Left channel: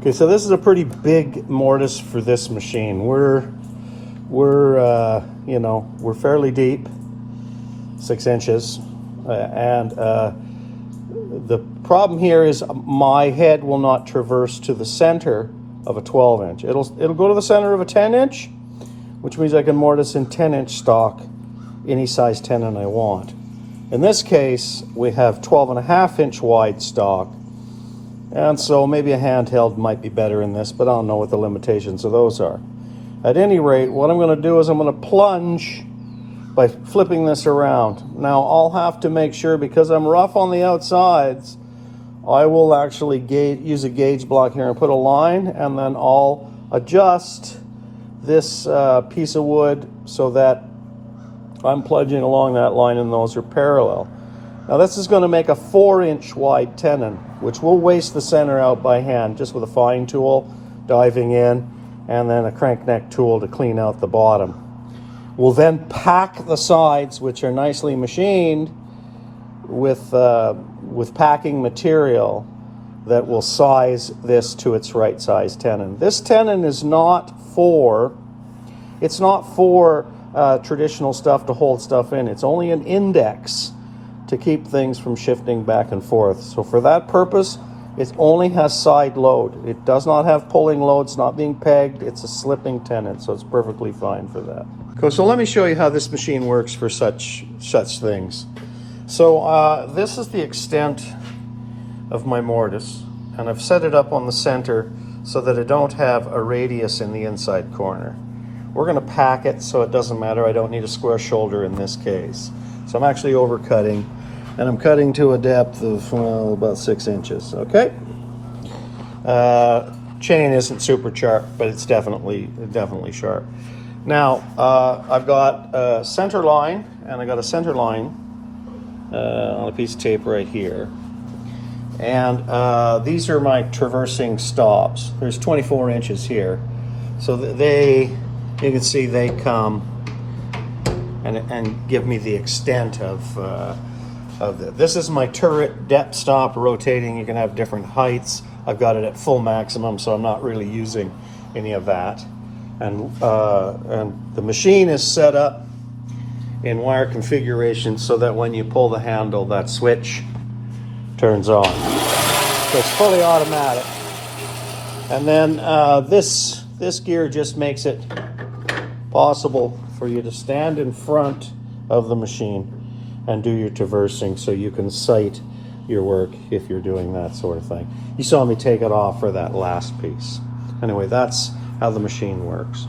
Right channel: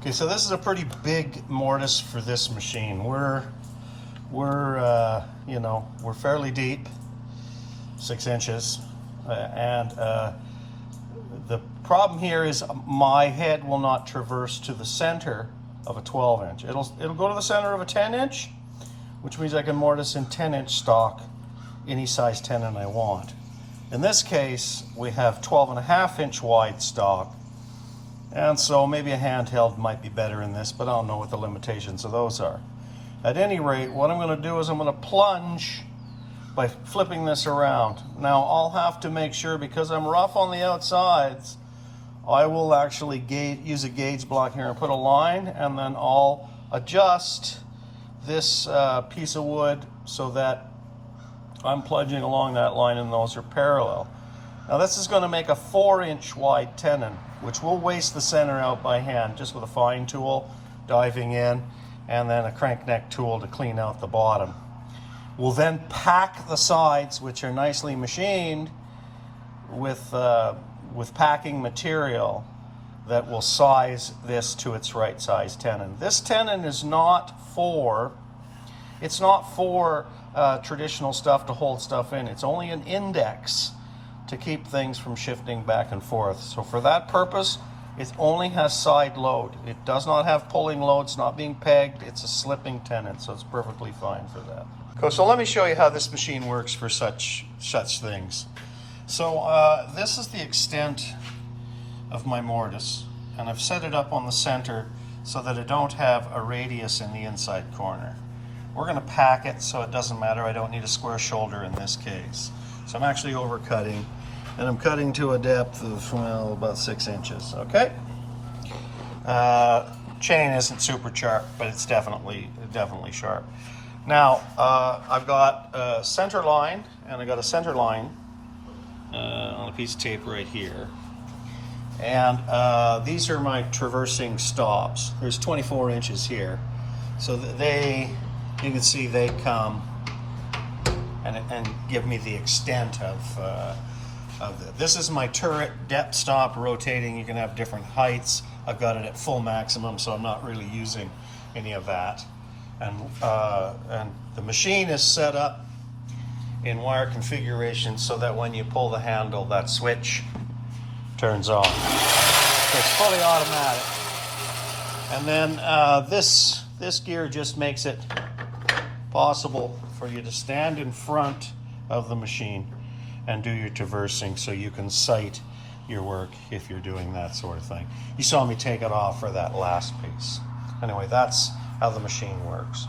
Okay, so this is a pretty big mortise for this machine. We're fairly deep, 6 inches, and the problem here is my head will not traverse to the center of a 12-inch. It'll go to the center of a 10-inch, which means I can mortise in 10-inch stock any size tenon I want. In this case, we have 12.5-inch wide stock. And so maybe a handheld might be better in this, but I don't know what the limitations of those are. At any rate, what I'm going to do is I'm going to plunge by flipping this around. Now I'll have to make sure, because I'm rough on the outsides, I will actually use a gauge block here and put a line, and then I'll adjust this piece of wood so that I'm plunging along that line and those are parallel. Now this is going to make a 4-inch wide tenon, which will waste the center out by hand, just with a fine tool, diving in, and then a crank neck tool to clean out the bottom. We'll then pack the sides, which are nicely machined, with packing material that will size this to its right size tenon. This tenon is not for, traditional stuff to hold stuff in. It's only an index to keep things from shifting back and forth. So for that purpose, it only has side load. It does not have pulling load. It's not being pegged. It's a slipping tenon, so it's perfectly fine for that. Okay, so let me show you how this machine works for such things. So this is the extent of my mortise, and I've set it up on the center so that I don't have a radius in the inside corner. We're going to pack it so it doesn't matter. I don't need a square shoulder in this case. So I'm actually overcutting, and I'm cutting to a depth of, well, about 6 inches, okay? Chain isn't super sharp, but it's definitely sharp. Now, I've got a center line, and I got a center line on a piece of tape right here. And these are my traversing stops. There's 24 inches here. So you can see they come and give me the extent of this is my turret depth stop rotating. You can have different heights. I've got it at full maximum, so I'm not really using any of that. And the machine is set up in wire configuration so that when you pull the handle, that switch turns on. So it's fully automatic. And then this gear just makes it possible for you to stand in front of the machine and do your traversing, so you can sight your work if you're doing that sort of thing. You saw me take it off for that last piece. Anyway, that's how the machine works.